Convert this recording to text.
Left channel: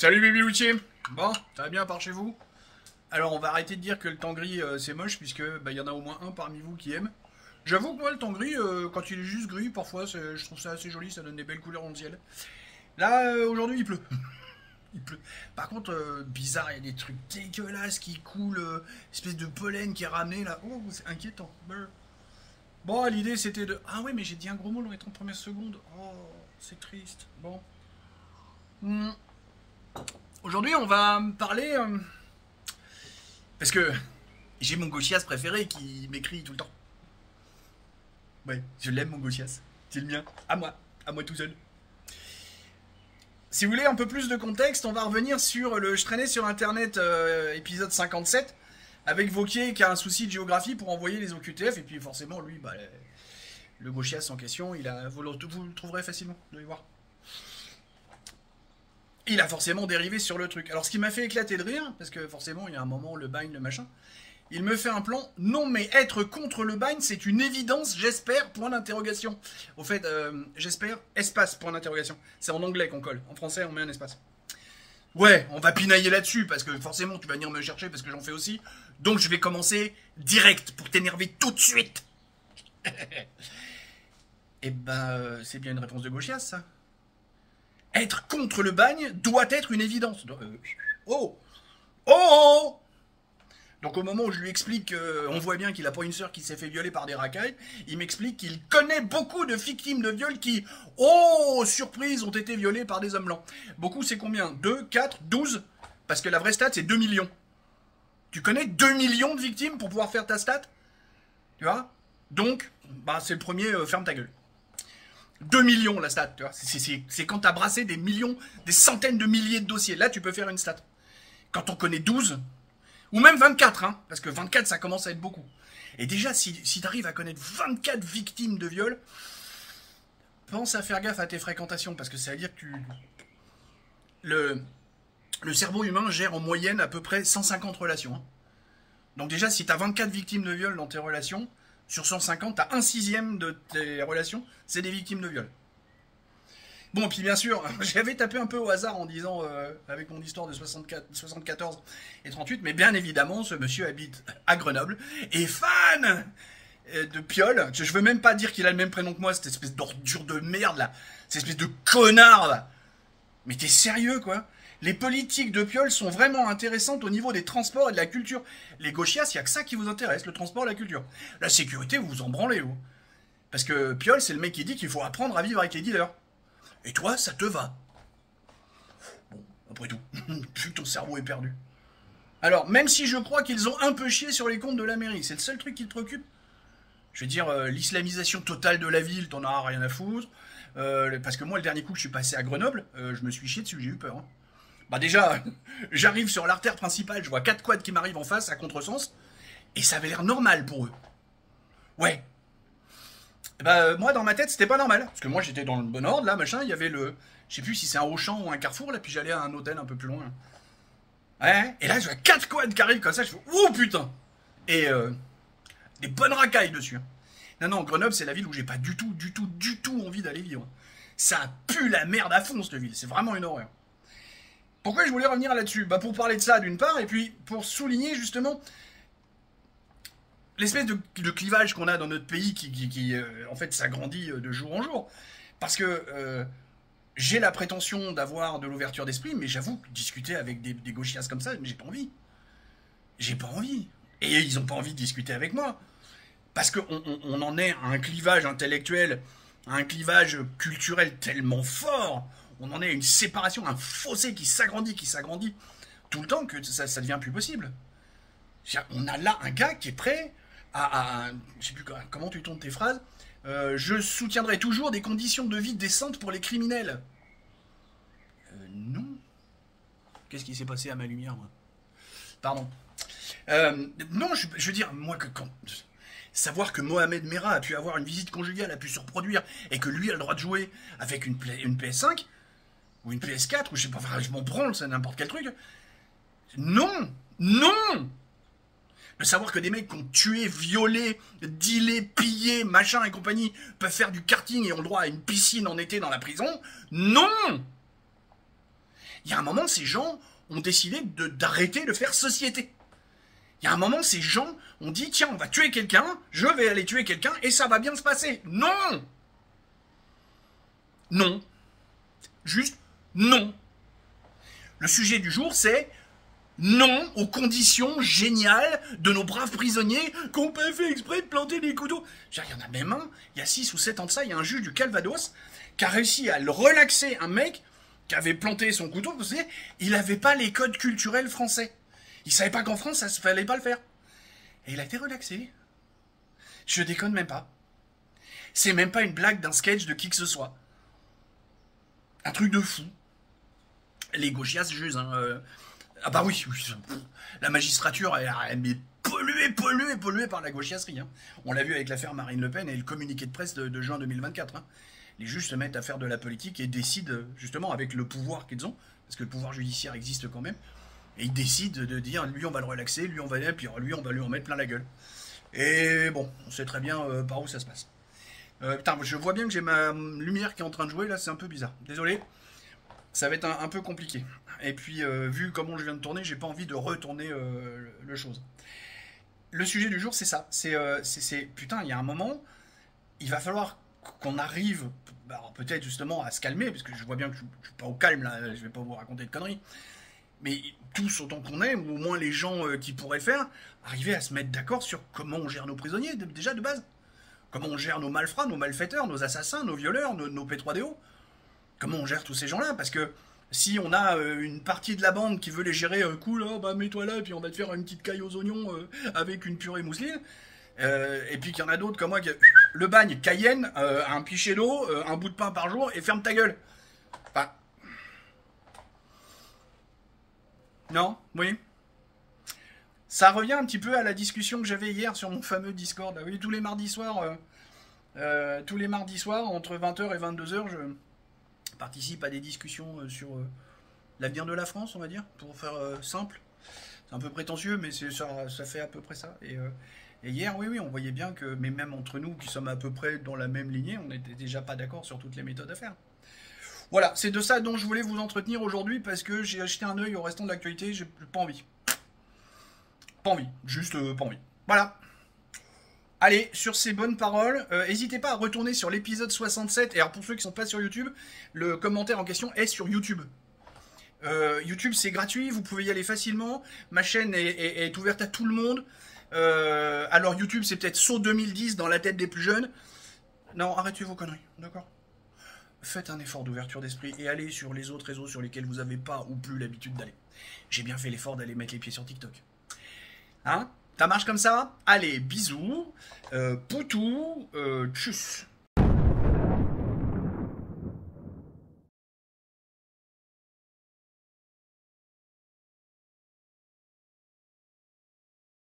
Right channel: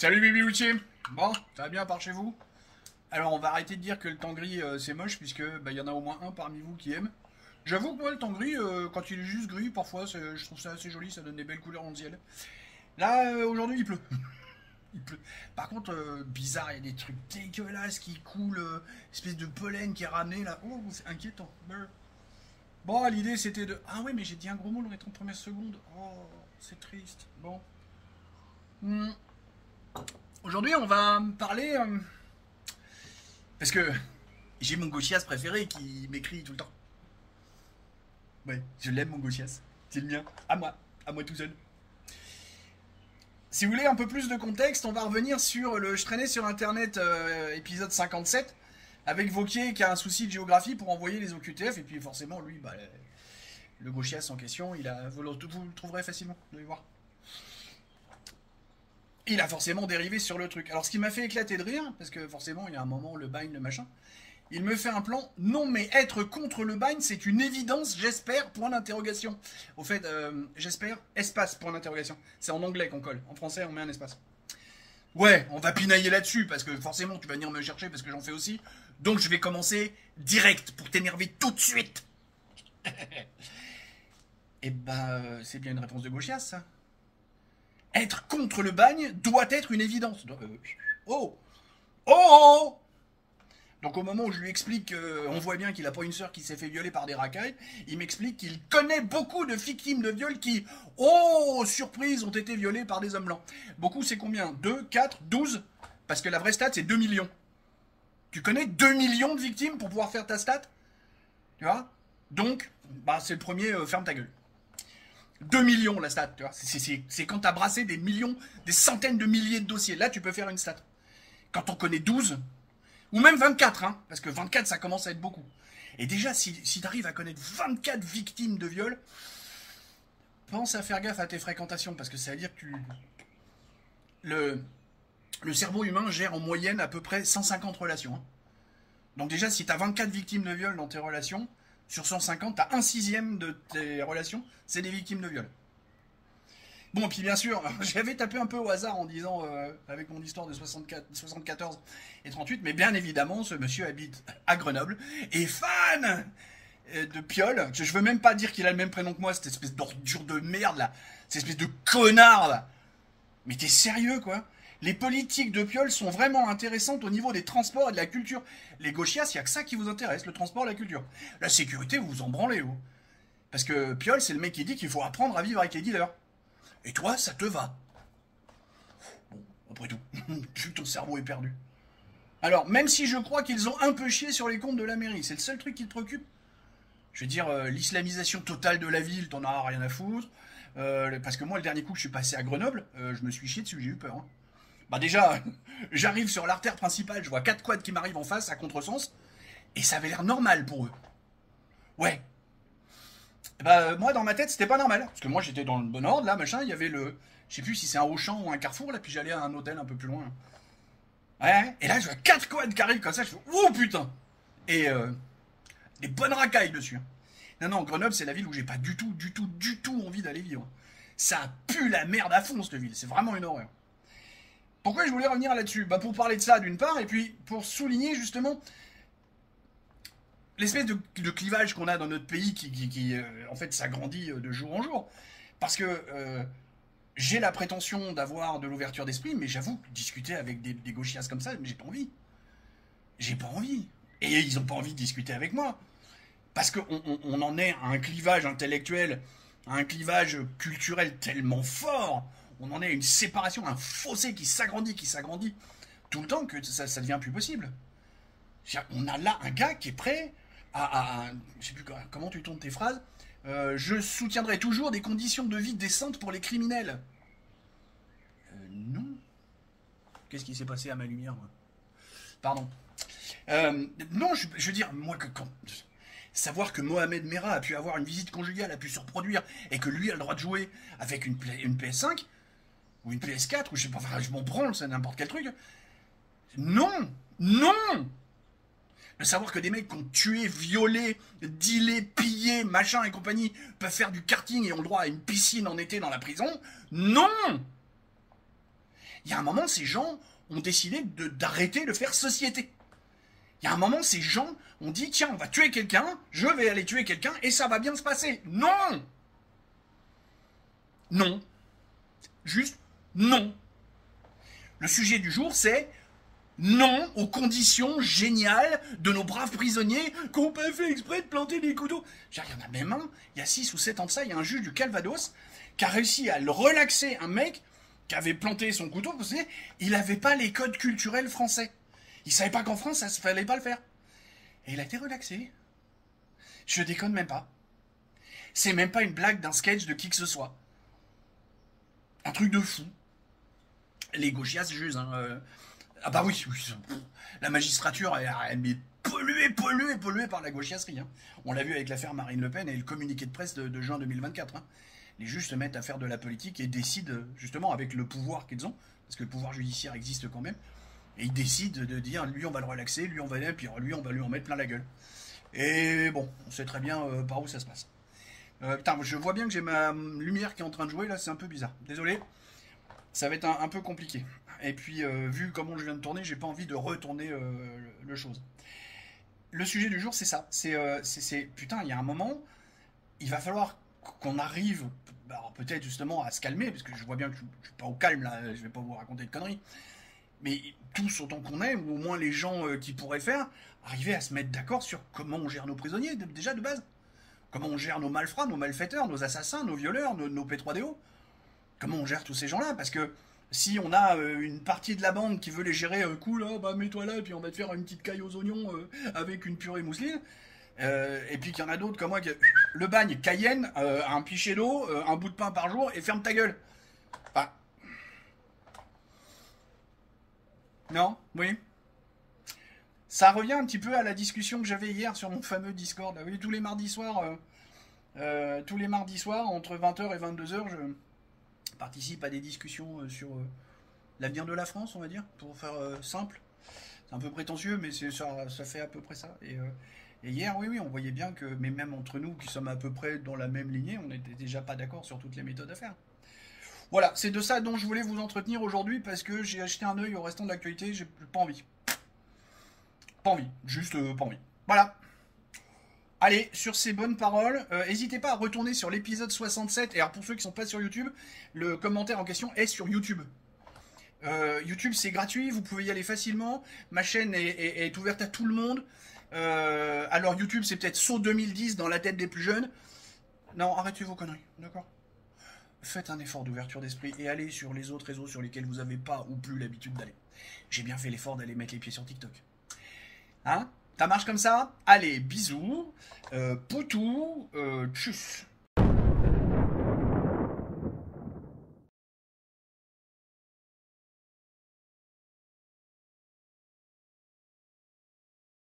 Salut Bibi Loutier. Bon, ça va bien par chez vous? Alors on va arrêter de dire que le temps gris c'est moche puisque bah, y en a au moins un parmi vous qui aime. J'avoue que moi le temps gris, quand il est juste gris, parfois je trouve ça assez joli, ça donne des belles couleurs dans le ciel. Là aujourd'hui il pleut. Il pleut. Par contre, bizarre, il y a des trucs dégueulasses qui coulent, espèce de pollen qui est ramené là. Oh, c'est inquiétant. Brr. Bon, l'idée c'était de. Ah ouais, mais j'ai dit un gros mot dans les 30 premières secondes. Oh, c'est triste. Bon. Hmm. Aujourd'hui, on va parler. Parce que j'ai mon Gauchias préféré qui m'écrit tout le temps. Ouais, je l'aime mon Gauchias. C'est le mien. À moi tout seul. Si vous voulez un peu plus de contexte, on va revenir sur le Je traînais sur internet épisode 57 avec Vauquier qui a un souci de géographie pour envoyer les OQTF et puis forcément lui, bah, le Gauchias en question, vous le trouverez facilement, vous allez voir. Il a forcément dérivé sur le truc. Alors ce qui m'a fait éclater de rire, parce que forcément il y a un moment le bagne, le machin, il me fait un plan. Non mais être contre le bagne c'est une évidence, j'espère, point d'interrogation. Au fait, j'espère, espace, point d'interrogation. C'est en anglais qu'on colle, en français on met un espace. Ouais, on va pinailler là-dessus, parce que forcément tu vas venir me chercher, parce que j'en fais aussi. Donc je vais commencer direct, pour t'énerver tout de suite. Eh ben, c'est bien une réponse de Gauchias, ça. Être contre le bagne doit être une évidence. Oh Oh Donc au moment où je lui explique qu'on voit bien qu'il n'a pas une sœur qui s'est fait violer par des racailles, il m'explique qu'il connaît beaucoup de victimes de viol qui, oh surprise, ont été violées par des hommes blancs. Beaucoup c'est combien? 2, 4, 12? Parce que la vraie stat c'est 2 millions. Tu connais 2 millions de victimes pour pouvoir faire ta stat? Tu vois? Donc, bah, c'est le premier, ferme ta gueule. 2 millions la stat, tu vois. C'est quand t'as brassé des millions, des centaines de milliers de dossiers. Là, tu peux faire une stat. Quand on connaît 12, ou même 24, hein, parce que 24, ça commence à être beaucoup. Et déjà, si t'arrives à connaître 24 victimes de viol, pense à faire gaffe à tes fréquentations, parce que ça veut dire que le cerveau humain gère en moyenne à peu près 150 relations. Hein. Donc déjà, si t'as 24 victimes de viol dans tes relations, sur 150, t'as un sixième de tes relations, c'est des victimes de viol. Bon, puis bien sûr, j'avais tapé un peu au hasard en disant, avec mon histoire de 74 et 38, mais bien évidemment, ce monsieur habite à Grenoble, et fan de Piolle. Je veux même pas dire qu'il a le même prénom que moi, cette espèce d'ordure de merde, là. Cette espèce de connard, là. Mais t'es sérieux, quoi? Les politiques de Piolle sont vraiment intéressantes au niveau des transports et de la culture. Les gauchias, il n'y a que ça qui vous intéresse, le transport et la culture. La sécurité, vous vous en branlez, vous. Parce que Piolle, c'est le mec qui dit qu'il faut apprendre à vivre avec les dealers. Et toi, ça te va. Bon, après tout, vu que ton cerveau est perdu. Alors, même si je crois qu'ils ont un peu chié sur les comptes de la mairie, c'est le seul truc qui te préoccupe. Je veux dire, l'islamisation totale de la ville, t'en as rien à foutre. Parce que moi, le dernier coup que je suis passé à Grenoble, je me suis chié dessus, j'ai eu peur. Hein. Bah déjà, j'arrive sur l'artère principale, je vois 4 quads qui m'arrivent en face à contresens, et ça avait l'air normal pour eux. Ouais. Bah moi dans ma tête c'était pas normal, parce que moi j'étais dans le bon ordre là, machin, il y avait le... Je sais plus si c'est un Auchan ou un Carrefour là, puis j'allais à un hôtel un peu plus loin. Ouais, et là je vois 4 quads qui arrivent comme ça, je fais oh putain. Et des bonnes racailles dessus. Non, non, Grenoble c'est la ville où j'ai pas du tout envie d'aller vivre. Ça pue la merde à fond cette ville, c'est vraiment une horreur. Pourquoi je voulais revenir là-dessus? Bah pour parler de ça d'une part, et puis pour souligner justement l'espèce de clivage qu'on a dans notre pays qui en fait s'agrandit de jour en jour. Parce que j'ai la prétention d'avoir de l'ouverture d'esprit, mais j'avoue, discuter avec des gauchias comme ça, j'ai pas envie. J'ai pas envie. Et ils ont pas envie de discuter avec moi. Parce qu'on en est à un clivage intellectuel, à un clivage culturel tellement fort. On en est à une séparation, un fossé qui s'agrandit tout le temps que ça devient plus possible. On a là un gars qui est prêt je sais plus comment tu tournes tes phrases. Je soutiendrai toujours des conditions de vie décentes pour les criminels. Non. Qu'est-ce qui s'est passé à ma lumière, moi? Pardon. Non, je veux dire, moi, savoir que Mohamed Merah a pu avoir une visite conjugale, a pu se reproduire, et que lui a le droit de jouer avec une PS5, ou une PS4, ou je sais pas, enfin, je m'en branle, c'est n'importe quel truc. Non. Non. De savoir que des mecs qui ont tué, violé, dealé, pillé, machin et compagnie peuvent faire du karting et ont le droit à une piscine en été dans la prison. Non. Il y a un moment, ces gens ont décidé d'arrêter de faire société. Il y a un moment, ces gens ont dit, tiens, on va tuer quelqu'un, je vais aller tuer quelqu'un, et ça va bien se passer. Non! Non. Juste non. Le sujet du jour, c'est non aux conditions géniales de nos braves prisonniers qui n'ont pas fait exprès de planter des couteaux. Il y en a même un, il y a 6 ou 7 ans de ça, il y a un juge du Calvados qui a réussi à le relaxer, un mec qui avait planté son couteau, vous savez, il n'avait pas les codes culturels français. Il savait pas qu'en France, ça ne fallait pas le faire. Et il a été relaxé. Je déconne même pas. C'est même pas une blague d'un sketch de qui que ce soit. Un truc de fou. Les gauchias jugent, hein. Ah bah oui, la magistrature, elle est polluée par la gauchiasserie. Hein. On l'a vu avec l'affaire Marine Le Pen et le communiqué de presse de juin 2024. Hein. Les juges se mettent à faire de la politique et décident, justement, avec le pouvoir qu'ils ont, parce que le pouvoir judiciaire existe quand même, et ils décident de dire, lui on va le relaxer, lui on va puis lui on va lui en mettre plein la gueule. Et bon, on sait très bien par où ça se passe. Putain, je vois bien que j'ai ma lumière qui est en train de jouer, là c'est un peu bizarre. Désolé, ça va être un peu compliqué. Et puis, vu comment je viens de tourner, j'ai pas envie de retourner le chose. Le sujet du jour, c'est ça. C'est putain, il y a un moment, il va falloir qu'on arrive, peut-être justement à se calmer, parce que je vois bien que je suis pas au calme là, je vais pas vous raconter de conneries. Mais tous autant qu'on est, ou au moins les gens qui pourraient le faire, arriver à se mettre d'accord sur comment on gère nos prisonniers, déjà de base. Comment on gère nos malfrats, nos malfaiteurs, nos assassins, nos violeurs, nos P3DO. Comment on gère tous ces gens-là, parce que si on a une partie de la bande qui veut les gérer cool, oh, bah mets-toi là, et puis on va te faire une petite caille aux oignons avec une purée mousseline. Et puis qu'il y en a d'autres comme moi, le bagne, Cayenne, un pichet d'eau, un bout de pain par jour, et ferme ta gueule. Enfin... Non, oui. Ça revient un petit peu à la discussion que j'avais hier sur mon fameux Discord. Là. Oui, tous les mardis soirs, entre 20h et 22h, je participe à des discussions sur l'avenir de la France, on va dire, pour faire simple. C'est un peu prétentieux, mais ça fait à peu près ça. Et hier, oui, on voyait bien que, mais même entre nous, qui sommes à peu près dans la même lignée, on n'était déjà pas d'accord sur toutes les méthodes à faire. Voilà, c'est de ça dont je voulais vous entretenir aujourd'hui, parce que j'ai acheté un œil au restant de l'actualité, j'ai pas envie. Pas envie, juste pas envie. Voilà. Allez, sur ces bonnes paroles, n'hésitez pas à retourner sur l'épisode 67. Et alors pour ceux qui ne sont pas sur YouTube, le commentaire en question est sur YouTube. YouTube c'est gratuit, vous pouvez y aller facilement. Ma chaîne est ouverte à tout le monde. Alors YouTube c'est peut-être saut 2010 dans la tête des plus jeunes. Non, arrêtez vos conneries, d'accord? Faites un effort d'ouverture d'esprit et allez sur les autres réseaux sur lesquels vous n'avez pas ou plus l'habitude d'aller. J'ai bien fait l'effort d'aller mettre les pieds sur TikTok. Hein? Ça marche comme ça? Allez, bisous, poutou, tchuss.